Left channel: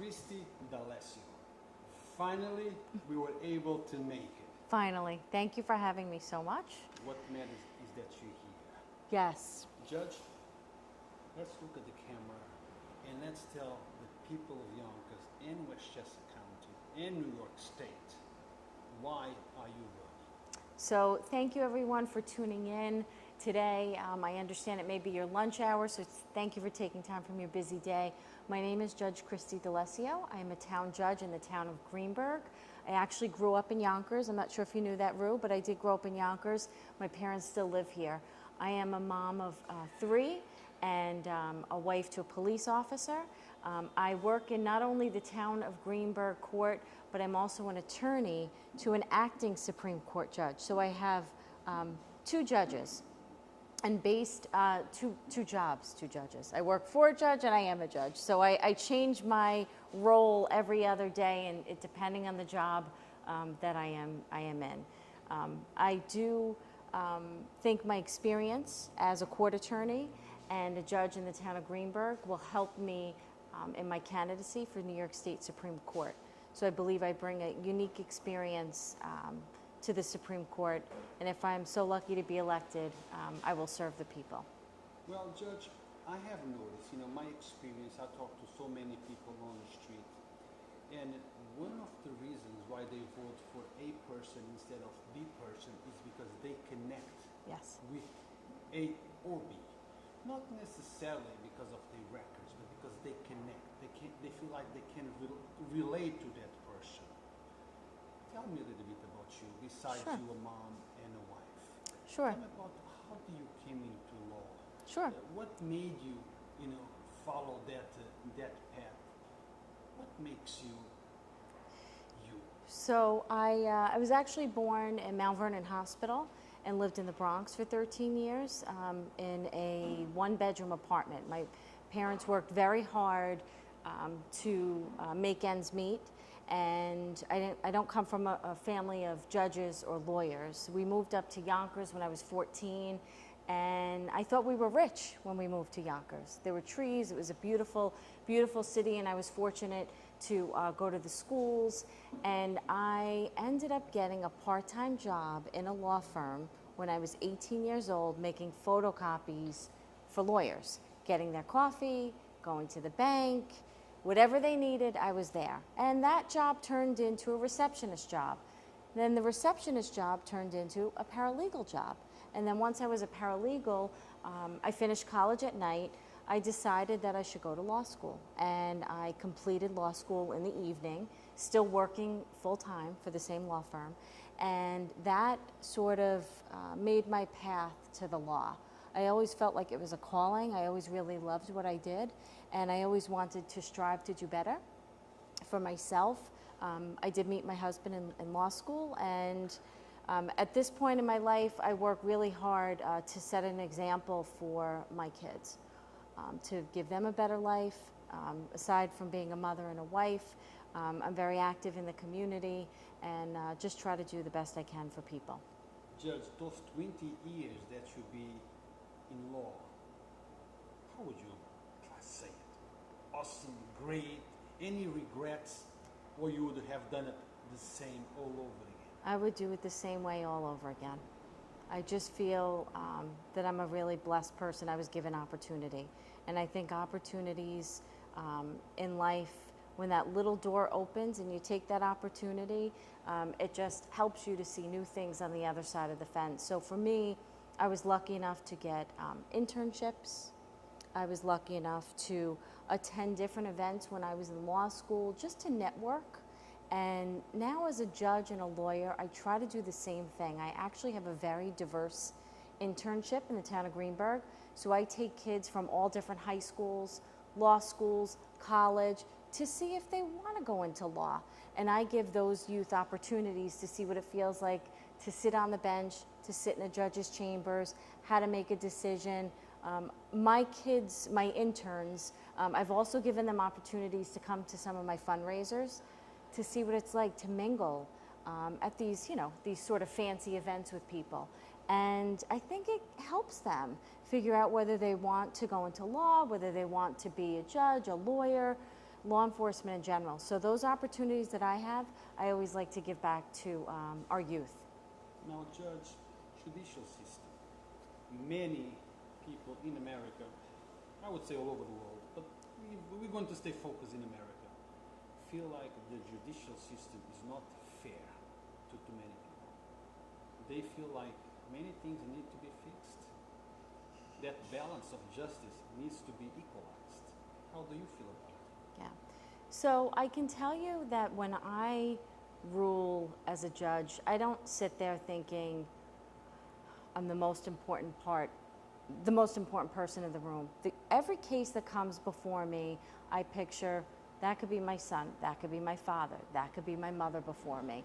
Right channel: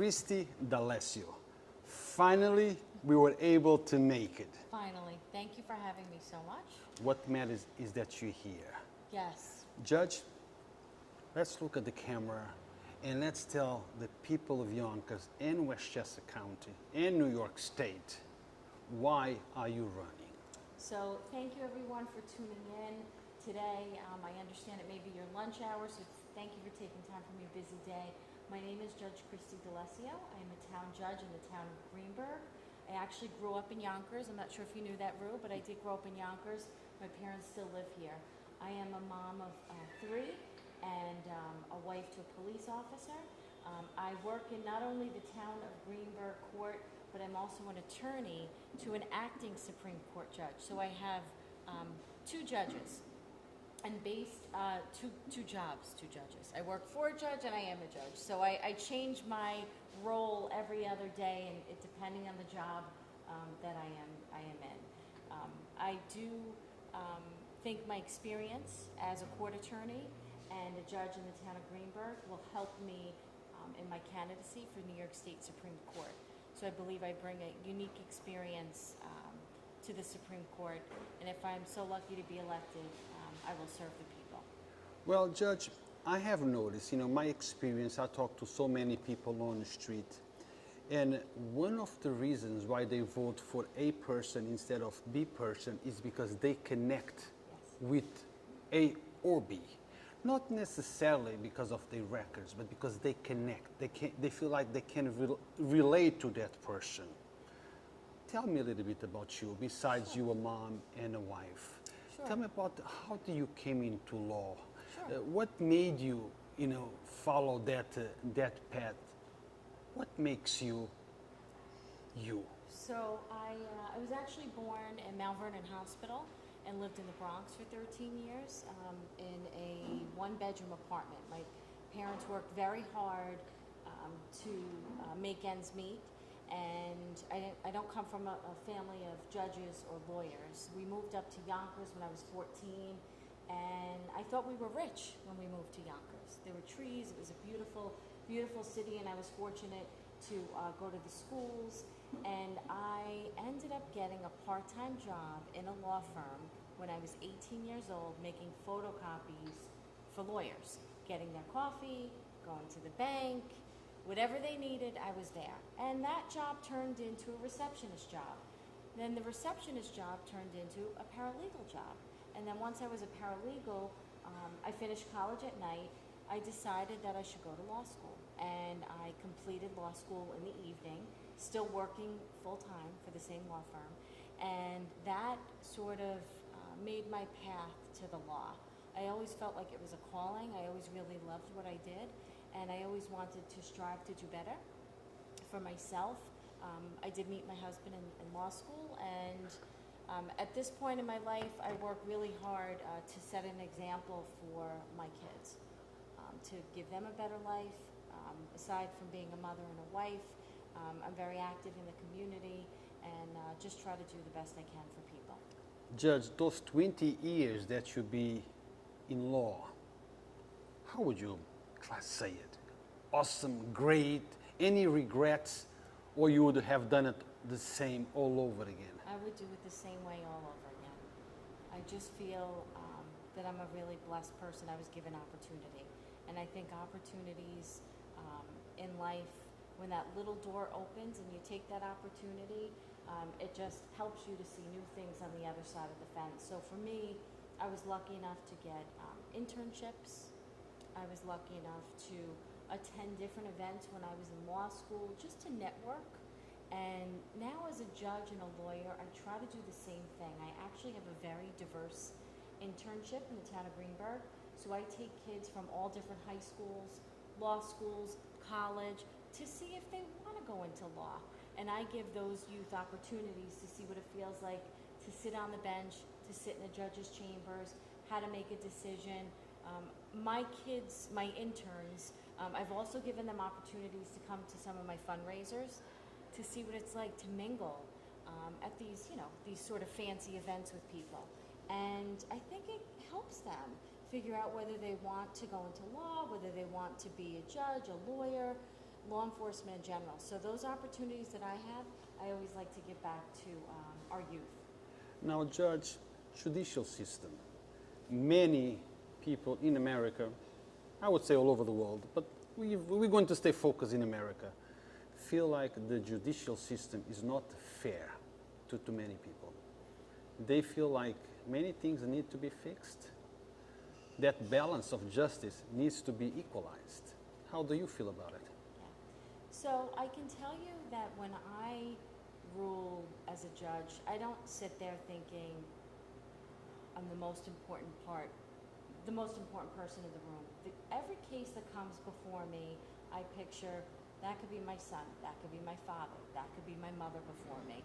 Christie D'Alessio. Finally, we were able to make it. Finally. Thank you for having me so much. What matters is that you're here. Yes. Judge, let's look at the camera and let's tell the people of Yonkers and Westchester County and New York State, why are you running? So thank you everyone for tuning in today. I understand it may be your lunch hour, so thank you for taking time from your busy day. My name is Judge Christie D'Alessio. I am a town judge in the town of Greenburgh. I actually grew up in Yonkers. I'm not sure if you knew that, Rue, but I did grow up in Yonkers. My parents still live here. I am a mom of 3 and a wife to a police officer. I work in not only the town of Greenburgh Court, but I'm also an attorney to an acting Supreme Court judge. So I have 2 judges. And based two judges. I work for a judge and I am a judge. So I change my role every other day, and it, depending on the job that I am in. I do think my experience as a court attorney and a judge in the town of Greenburgh will help me in my candidacy for New York State Supreme Court. So I believe I bring a unique experience to the Supreme Court, and if I'm so lucky to be elected, I will serve the people. Well, Judge, I have noticed, my experience, I talk to so many people on the street, and one of the reasons why they vote for A person instead of B person is because they connect with A or B. Not necessarily because of their records, but because they connect. They feel like they can relate to that person. Tell me a little bit about you, besides you a mom and a wife. Sure. Tell me about how you came into law. Sure. What made you, follow that path? What makes you you? So I was actually born in Mount Vernon Hospital and lived in the Bronx for 13 years in a 1-bedroom apartment. My parents worked very hard to make ends meet. And I don't come from a family of judges or lawyers. We moved up to Yonkers when I was 14, and I thought we were rich when we moved to Yonkers. There were trees, it was a beautiful, beautiful city, and I was fortunate to go to the schools, and I ended up getting a part-time job in a law firm when I was 18 years old, making photocopies for lawyers, getting their coffee, going to the bank. Whatever they needed, I was there. And that job turned into a receptionist job. Then the receptionist job turned into a paralegal job. And then once I was a paralegal, I finished college at night. I decided that I should go to law school. And I completed law school in the evening, still working full-time for the same law firm. And that sort of made my path to the law. I always felt like it was a calling. I always really loved what I did. And I always wanted to strive to do better for myself. I did meet my husband in law school, and at this point in my life, I work really hard to set an example for my kids, to give them a better life. Aside from being a mother and a wife, I'm very active in the community and just try to do the best I can for people. Judge, those 20 years that you be in law, how would you say it? Awesome, great, any regrets, or you would have done it the same all over again? I would do it the same way all over again. I just feel that I'm a really blessed person. I was given opportunity. And I think opportunities in life, when that little door opens and you take that opportunity, it just helps you to see new things on the other side of the fence. So for me, I was lucky enough to get internships. I was lucky enough to attend different events when I was in law school, just to network. And now as a judge and a lawyer, I try to do the same thing. I actually have a very diverse internship in the town of Greenburgh. So I take kids from all different high schools, law schools, college, to see if they want to go into law. And I give those youth opportunities to see what it feels like to sit on the bench, to sit in the judge's chambers, how to make a decision. My kids, my interns, I've also given them opportunities to come to some of my fundraisers to see what it's like to mingle at these, these sort of fancy events with people. And I think it helps them figure out whether they want to go into law, whether they want to be a judge, a lawyer. law enforcement in general. So those opportunities that I have, I always like to give back to our youth. Now, Judge, judicial system. Many people in America, I would say all over the world, but we're going to stay focused in America, feel like the judicial system is not fair to many people. They feel like many things need to be fixed. That balance of justice needs to be equalized. How do you feel about it? Yeah. So I can tell you that when I rule as a judge, I don't sit there thinking I'm the most important person in the room. Every case that comes before me, I picture that could be my son, that could be my father, that could be my mother before me.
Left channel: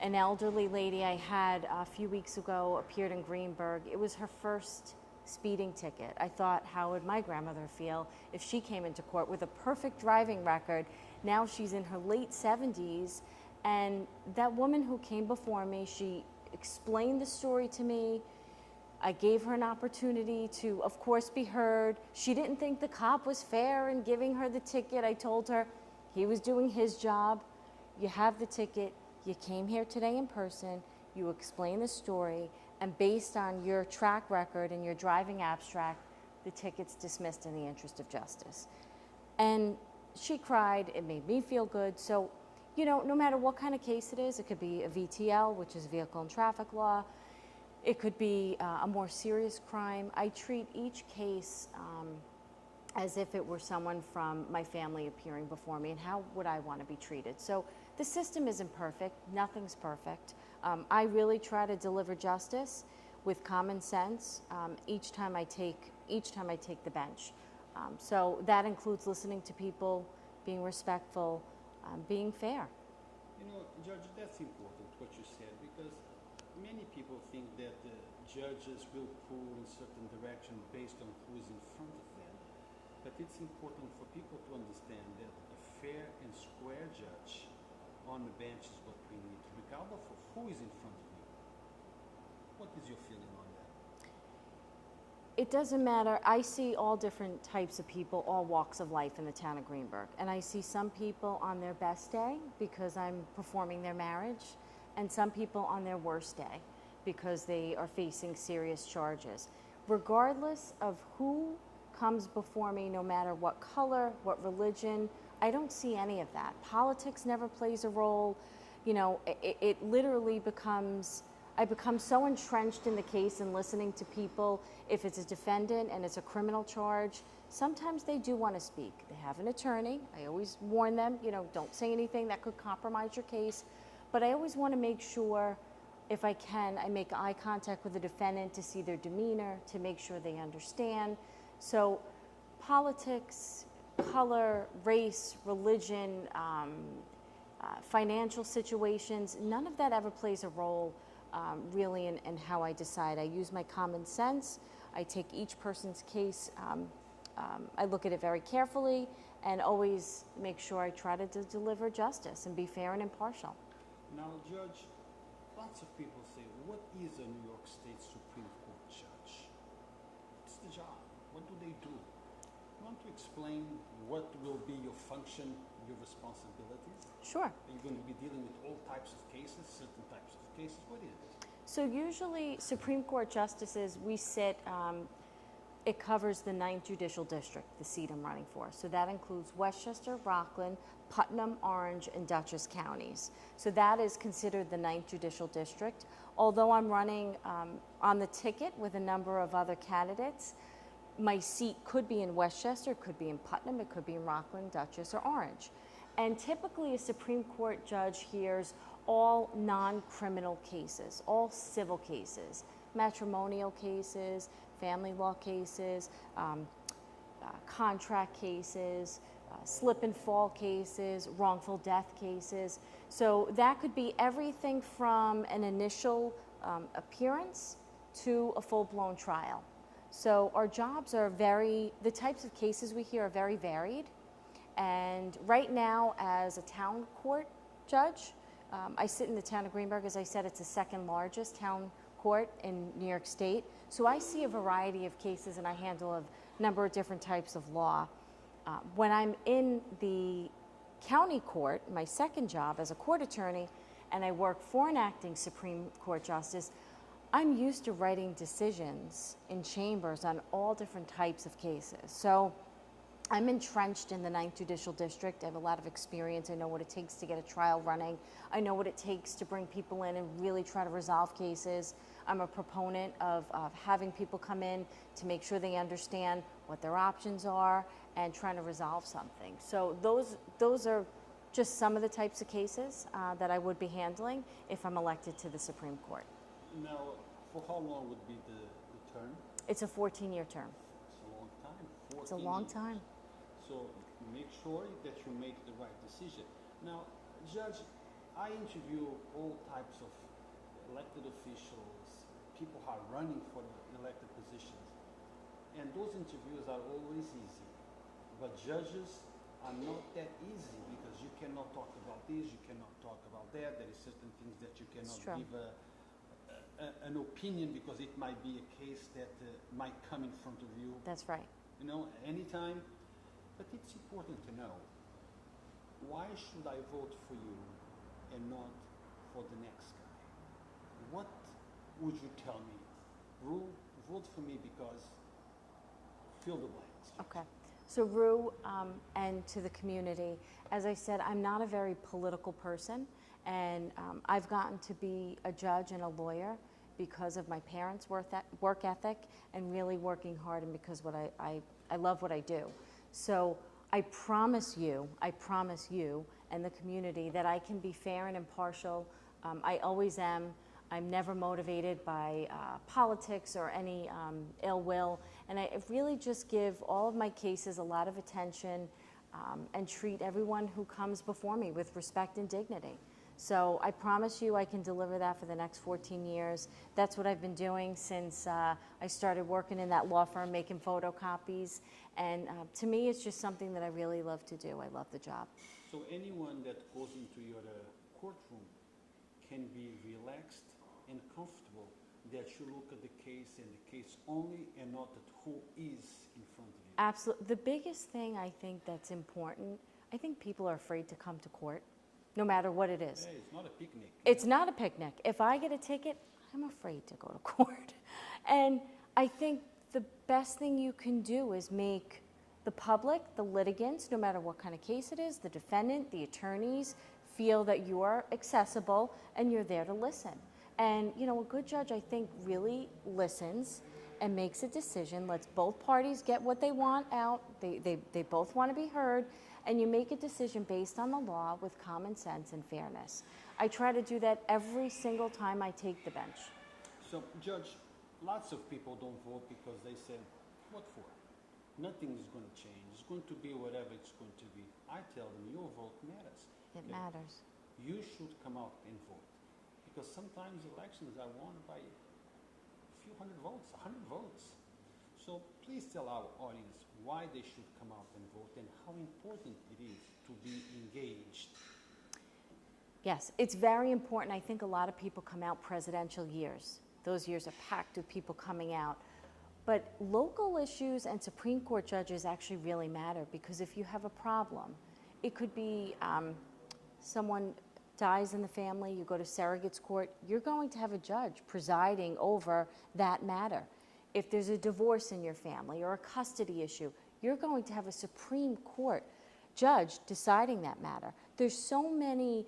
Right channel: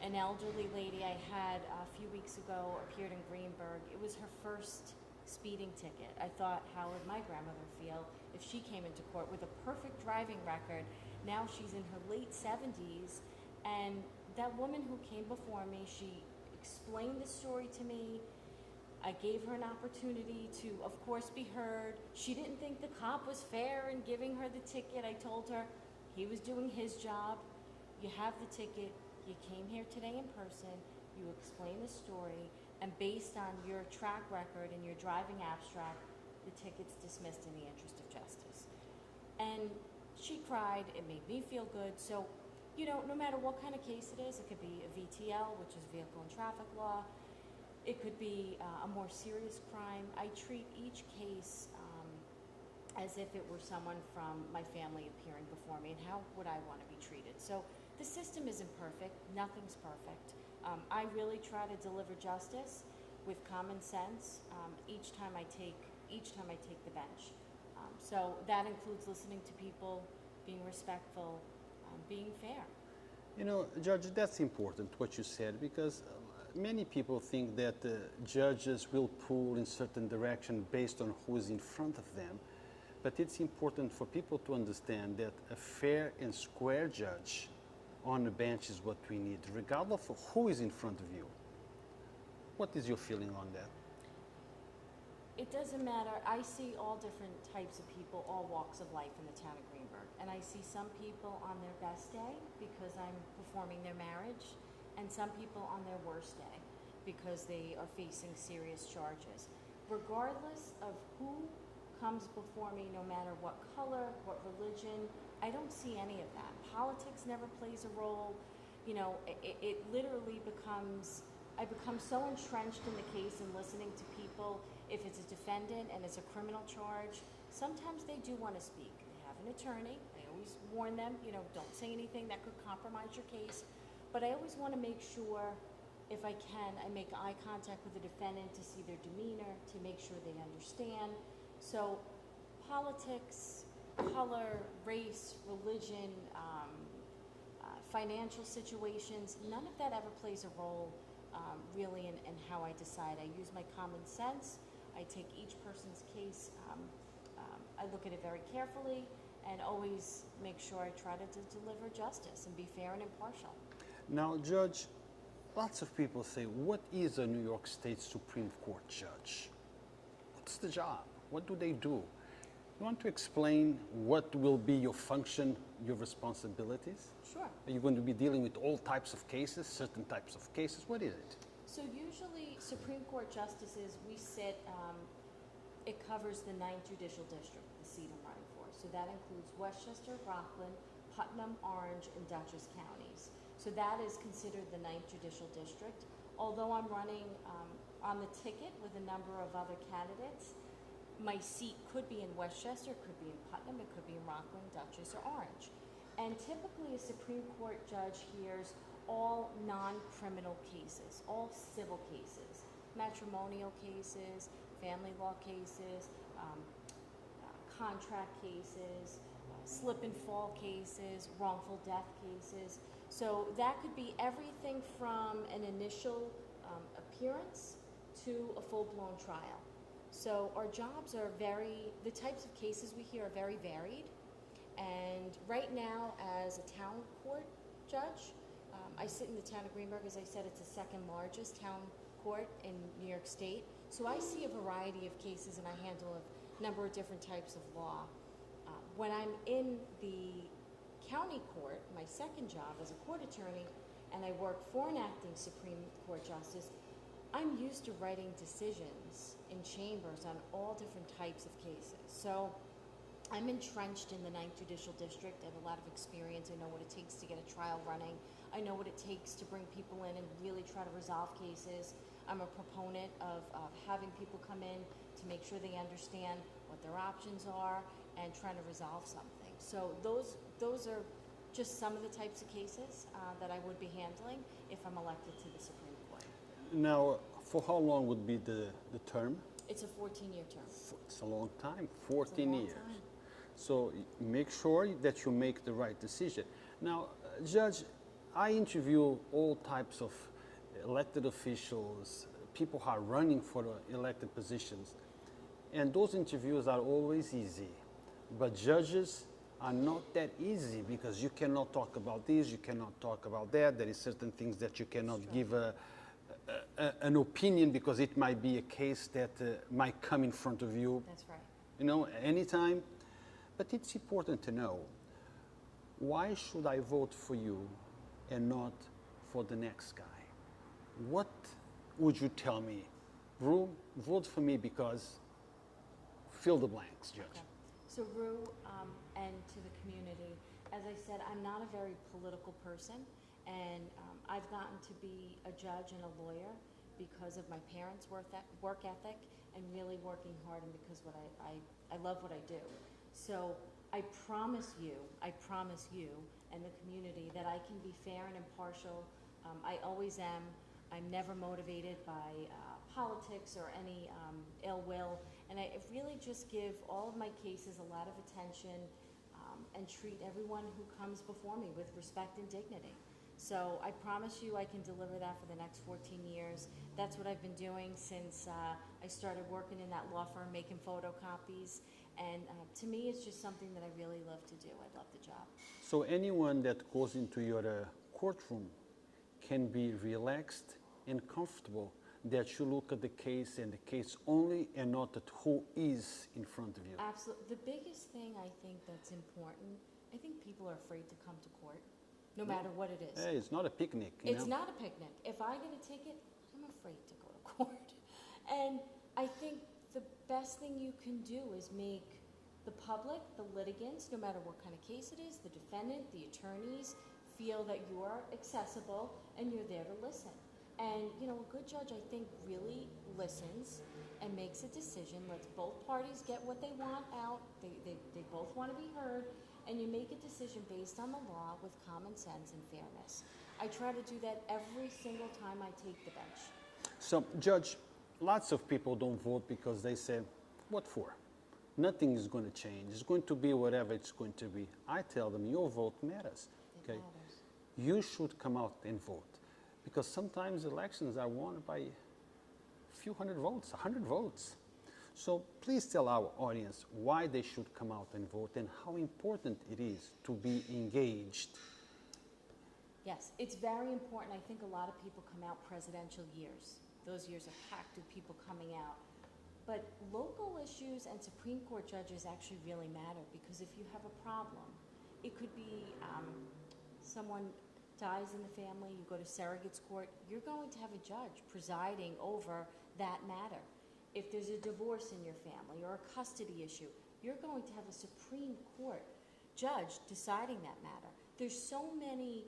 An elderly lady I had a few weeks ago appeared in Greenberg. It was her first speeding ticket. I thought, how would my grandmother feel if she came into court with a perfect driving record? Now she's in her late 70s, and that woman who came before me, she explained the story to me. I gave her an opportunity to, of course, be heard. She didn't think the cop was fair in giving her the ticket. I told her he was doing his job. You have the ticket. You came here today in person. You explained the story. And based on your track record and your driving abstract, the ticket's dismissed in the interest of justice. And she cried. It made me feel good. So, you know, no matter what kind of case it is, it could be a VTL, which is vehicle and traffic law. It could be a more serious crime. I treat each case as if it were someone from my family appearing before me, and how would I want to be treated? So the system isn't perfect. Nothing's perfect. I really try to deliver justice with common sense each time I take the bench. So that includes listening to people, being respectful, being fair. You know, Judge, that's important what you said, because many people think that judges will pull in certain direction based on who is in front of them. But it's important for people to understand that a fair and square judge on the bench is what we need, regardless of who is in front of you. What is your feeling on that? It doesn't matter. I see all different types of people, all walks of life in the town of Greenberg. And I see some people on their best day because I'm performing their marriage, and some people on their worst day because they are facing serious charges. Regardless of who comes before me, no matter what color, what religion, I don't see any of that. Politics never plays a role. You know, it literally becomes, I become so entrenched in the case and listening to people. If it's a defendant and it's a criminal charge, sometimes they do want to speak. They have an attorney. I always warn them, you know, don't say anything that could compromise your case. But I always want to make sure, if I can, I make eye contact with the defendant to see their demeanor, to make sure they understand. So politics, color, race, religion, financial situations, none of that ever plays a role really in how I decide. I use my common sense. I take each person's case, I look at it very carefully, and always make sure I try to deliver justice and be fair and impartial. Now, Judge, lots of people say, what is a New York State Supreme Court judge? What's the job? What do they do? You want to explain what will be your function, your responsibilities? Sure. Are you going to be dealing with all types of cases, certain types of cases? What is it? So usually Supreme Court justices, we sit, it covers the 9th Judicial District, the seat I'm running for. So that includes Westchester, Rockland, Putnam, Orange, and Dutchess counties. So that is considered the 9th Judicial District. Although I'm running on the ticket with a number of other candidates, my seat could be in Westchester, it could be in Putnam, it could be in Rockland, Dutchess, or Orange. And typically a Supreme Court judge hears all non-criminal cases, all civil cases, matrimonial cases, family law cases, contract cases, slip and fall cases, wrongful death cases. So that could be everything from an initial appearance to a full-blown trial. So our jobs are the types of cases we hear are very varied. And right now, as a town court judge, I sit in the town of Greenberg. As I said, it's the second largest town court in New York State. So I see a variety of cases, and I handle a number of different types of law. When I'm in the county court, my second job as a court attorney, and I work for an acting Supreme Court Justice, I'm used to writing decisions in chambers on all different types of cases. So I'm entrenched in the 9th Judicial District. I have a lot of experience. I know what it takes to get a trial running. I know what it takes to bring people in and really try to resolve cases. I'm a proponent of having people come in to make sure they understand what their options are and trying to resolve something. So those are just some of the types of cases that I would be handling if I'm elected to the Supreme Court. Now, for how long would be the term? It's a 14-year term. It's a long time, 14 years. It's a long time. So make sure that you make the right decision. Now, Judge, I interview all types of elected officials, people who are running for elected positions, and those interviews are always easy. But judges are not that easy because you cannot talk about this, you cannot talk about that. There is certain things that you cannot give an opinion because it might be a case that might come in front of you. That's right. You know, anytime. But it's important to know, why should I vote for you and not for the next guy? What would you tell me? Rue, vote for me because fill the blanks, Judge. Okay. So Rue, and to the community, as I said, I'm not a very political person, and I've gotten to be a judge and a lawyer because of my parents' work ethic and really working hard, and because I love what I do. So I promise you and the community that I can be fair and impartial. I always am. I'm never motivated by politics or any ill will. And I really just give all of my cases a lot of attention and treat everyone who comes before me with respect and dignity. So I promise you I can deliver that for the next 14 years. That's what I've been doing since I started working in that law firm making photocopies. And to me, it's just something that I really love to do. I love the job. So anyone that goes into your courtroom can be relaxed and comfortable that you look at the case and the case only and not at who is in front of you. Absolutely. The biggest thing I think that's important, I think people are afraid to come to court, no matter what it is. Hey, it's not a picnic. It's not a picnic. If I get a ticket, I'm afraid to go to court. And I think the best thing you can do is make the public, the litigants, no matter what kind of case it is, the defendant, the attorneys, feel that you are accessible and you're there to listen. And, you know, a good judge, I think, really listens and makes a decision, lets both parties get what they want out, they both want to be heard, and you make a decision based on the law with common sense and fairness. I try to do that every single time I take the bench. So, Judge, lots of people don't vote because they say, what for? Nothing is going to change. It's going to be whatever it's going to be. I tell them, your vote matters. It matters. You should come out and vote. Because sometimes elections are won by a few hundred votes, 100 votes. So please tell our audience why they should come out and vote and how important it is to be engaged. Yes, it's very important. I think a lot of people come out presidential years. Those years are packed with people coming out. But local issues and Supreme Court judges actually really matter, because if you have a problem, it could be someone dies in the family, you go to surrogate's court, you're going to have a judge presiding over that matter. If there's a divorce in your family or a custody issue, you're going to have a Supreme Court judge deciding that matter. There's so many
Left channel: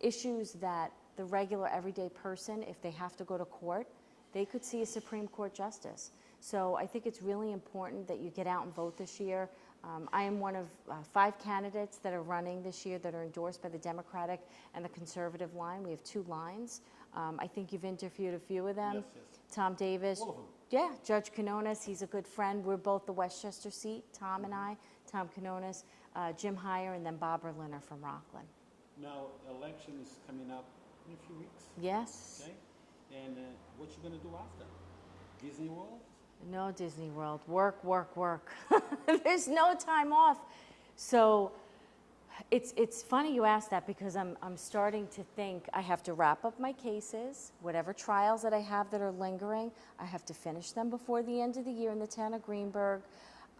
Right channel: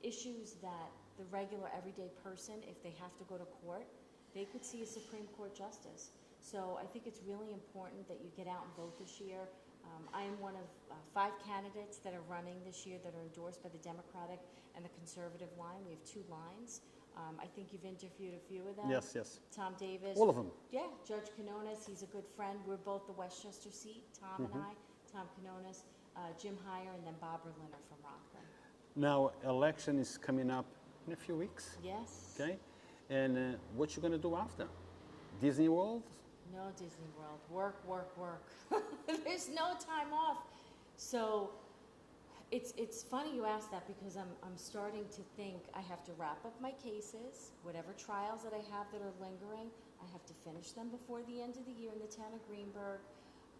issues that the regular everyday person, if they have to go to court, they could see a Supreme Court justice. So I think it's really important that you get out and vote this year. I am one of 5 candidates that are running this year that are endorsed by the Democratic and the Conservative line. We have 2 lines. I think you've interviewed a few of them. Yes, yes. Tom Davis. All of them. Yeah, Judge Canonis, he's a good friend. We're both the Westchester seat, Tom and I. Tom Canonis, Jim Heyer, and then Bob Berliner from Rockland. Now, election is coming up in a few weeks. Yes. Okay. And what you going to do after? Disney World? No Disney World. Work, work, work. There's no time off. So it's funny you ask that, because I'm starting to think I have to wrap up my cases, whatever trials that I have that are lingering. I have to finish them before the end of the year in the town of Greenberg.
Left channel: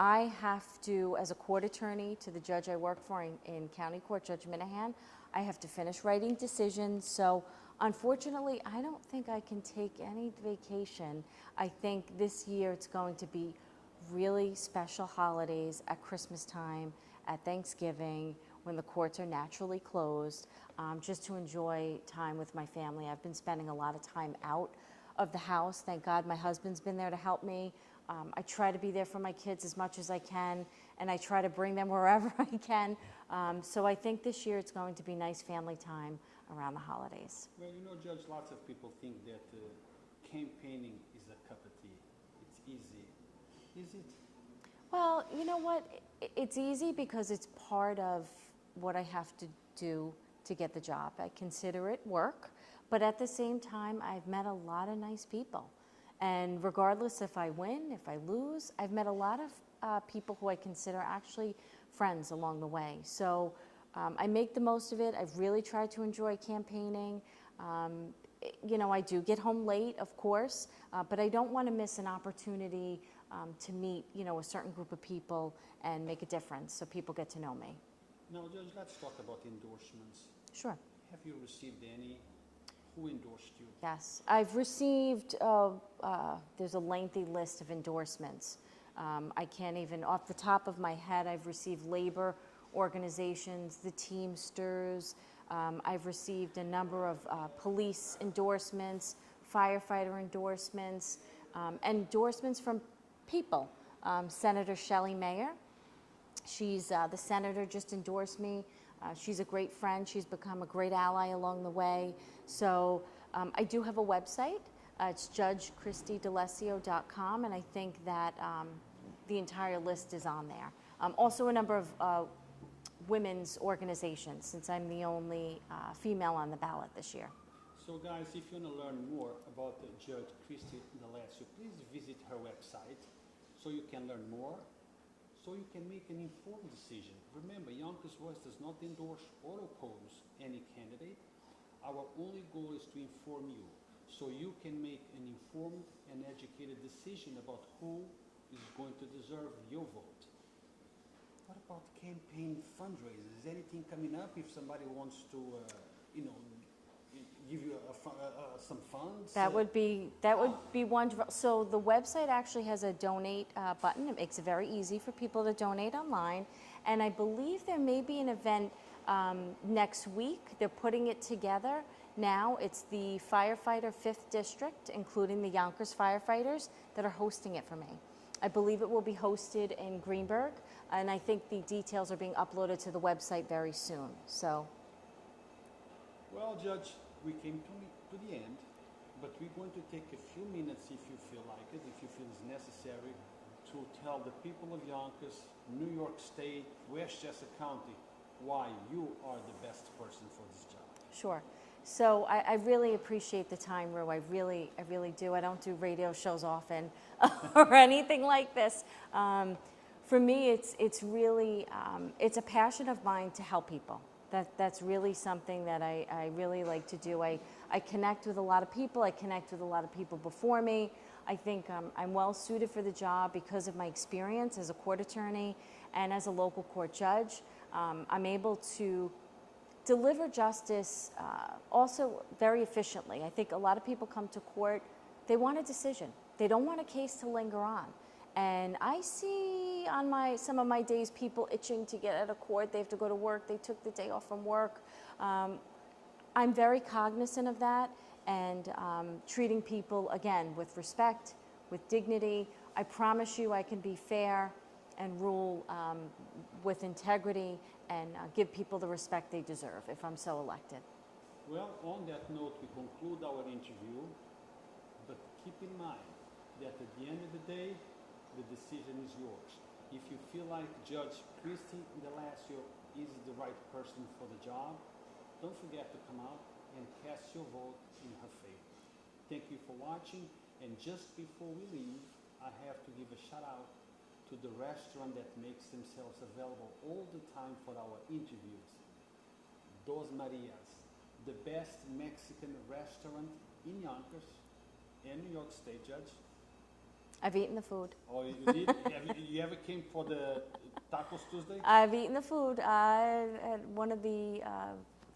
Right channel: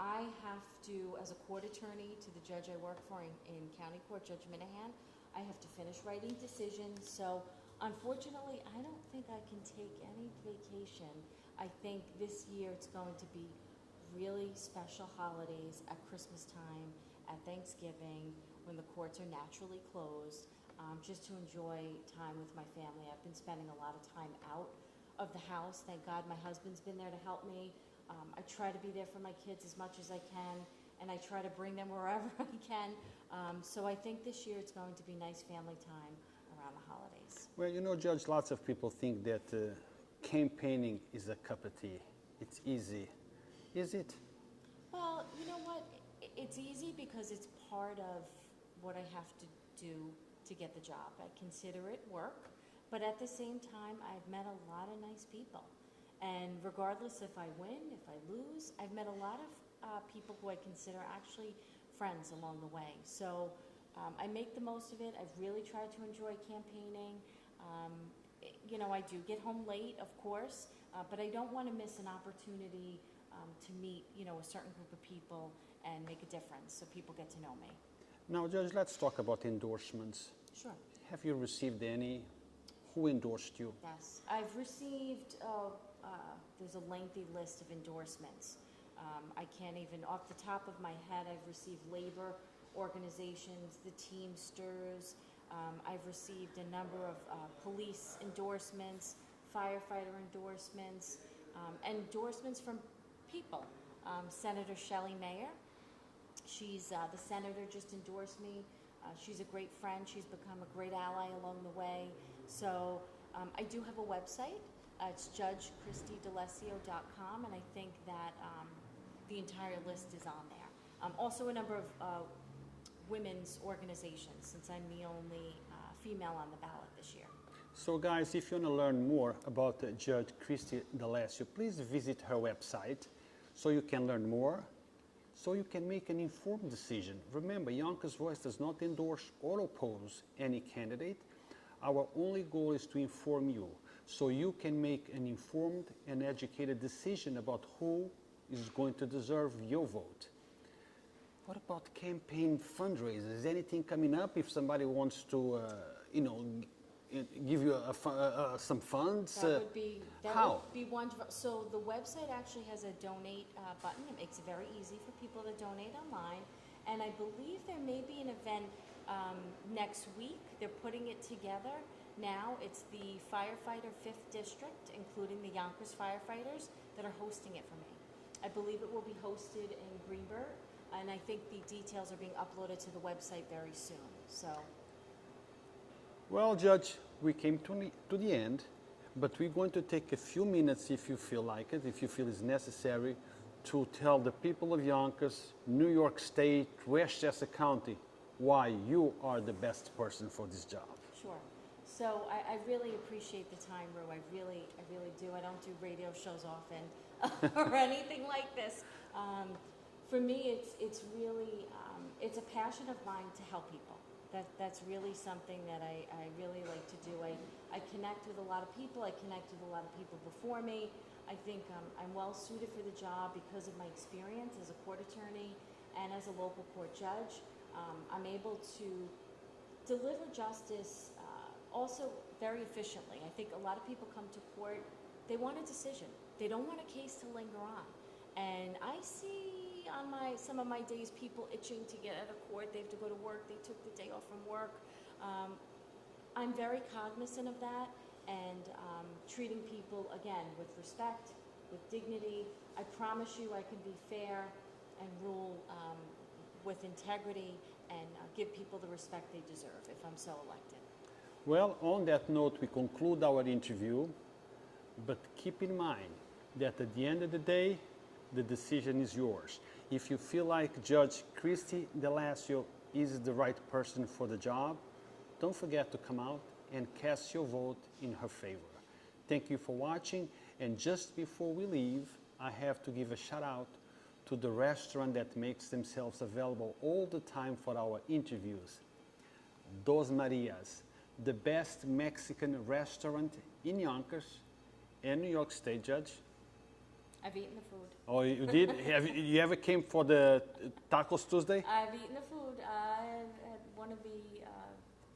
I have to, as a court attorney to the judge I work for in County Court, Judge Minahan, I have to finish writing decisions. So unfortunately, I don't think I can take any vacation. I think this year it's going to be really special holidays at Christmas time, at Thanksgiving, when the courts are naturally closed, just to enjoy time with my family. I've been spending a lot of time out of the house. Thank God my husband's been there to help me. I try to be there for my kids as much as I can, and I try to bring them wherever I can. So I think this year it's going to be nice family time around the holidays. Well, you know, Judge, lots of people think that campaigning is a cup of tea. It's easy. Is it? Well, you know what? It's easy because it's part of what I have to do to get the job. I consider it work, but at the same time, I've met a lot of nice people. And regardless if I win, if I lose, I've met a lot of people who I consider actually friends along the way. So I make the most of it. I've really tried to enjoy campaigning. You know, I do get home late, of course, but I don't want to miss an opportunity to meet, you know, a certain group of people and make a difference so people get to know me. Now, Judge, let's talk about endorsements. Sure. Have you received any? Who endorsed you? Yes, I've received, there's a lengthy list of endorsements. I can't even, off the top of my head, I've received labor organizations, the Teamsters. I've received a number of police endorsements, firefighter endorsements, endorsements from people. Senator Shelley Mayer, she's the senator, just endorsed me. She's a great friend. She's become a great ally along the way. So I do have a website. It's judgechristiedalessio.com, and I think that the entire list is on there. Also a number of women's organizations, since I'm the only female on the ballot this year. So guys, if you want to learn more about Judge Christie D'Alessio, please visit her website so you can learn more, so you can make an informed decision. Remember, Yonkers Voice does not endorse or oppose any candidate. Our only goal is to inform you so you can make an informed and educated decision about who is going to deserve your vote. What about campaign fundraisers? Is anything coming up if somebody wants to, you know, give you some funds? That would be wonderful. So the website actually has a donate button. It makes it very easy for people to donate online. And I believe there may be an event next week. They're putting it together now. It's the firefighter 5th District, including the Yonkers firefighters, that are hosting it for me. I believe it will be hosted in Greenberg, and I think the details are being uploaded to the website very soon. So. Well, Judge, we came to the end, but we're going to take a few minutes, if you feel like it, if you feel it's necessary, to tell the people of Yonkers, New York State, Westchester County, why you are the best person for this job. Sure. So I really appreciate the time, Rue. I really do. I don't do radio shows often or anything like this. For me, it's really, it's a passion of mine to help people. That's really something that I really like to do. I connect with a lot of people. I connect with a lot of people before me. I think I'm well suited for the job because of my experience as a court attorney and as a local court judge. I'm able to deliver justice also very efficiently. I think a lot of people come to court, they want a decision. They don't want a case to linger on. And I see on some of my days people itching to get out of court. They have to go to work. They took the day off from work. I'm very cognizant of that and treating people, again, with respect, with dignity. I promise you I can be fair and rule with integrity and give people the respect they deserve if I'm so elected. Well, on that note, we conclude our interview, but keep in mind that at the end of the day, the decision is yours. If you feel like Judge Christie D'Alessio is the right person for the job, don't forget to come out and cast your vote in her favor. Thank you for watching, and just before we leave, I have to give a shout out to the restaurant that makes themselves available all the time for our interviews. Dos Marias, the best Mexican restaurant in Yonkers and New York State, Judge. I've eaten the food. Oh, you did? You ever came for the Tacos Tuesday? I've eaten the food. At one of the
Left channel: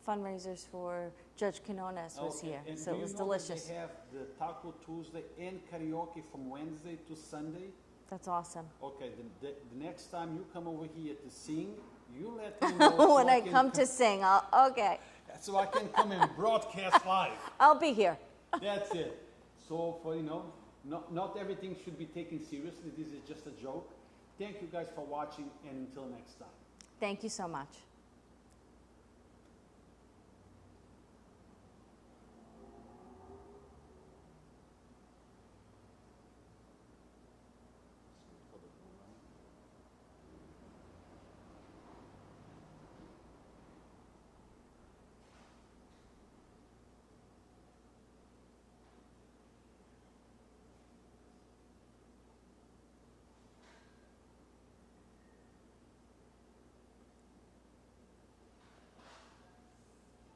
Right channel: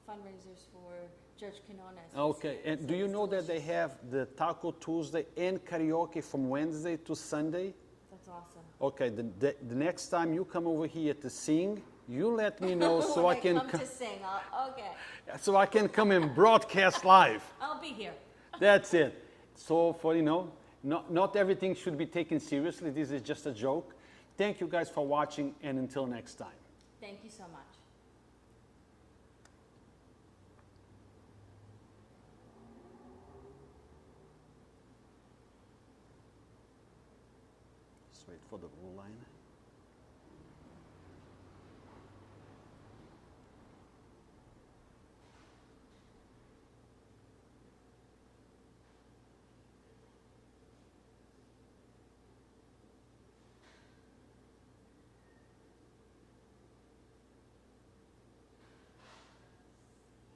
fundraisers for Judge Quinones was Okay, here, and so do it you was know that they delicious. have the Taco Tuesday and karaoke from Wednesday to Sunday? That's awesome. Okay, the next time you come over here to sing, you let me know so When I I can come to sing, okay, so I can come and broadcast live. I'll be here. That's it. So for, not everything should be taken seriously. This is just a joke. Thank you guys for watching, and until next time. Thank you so much. Let's wait for the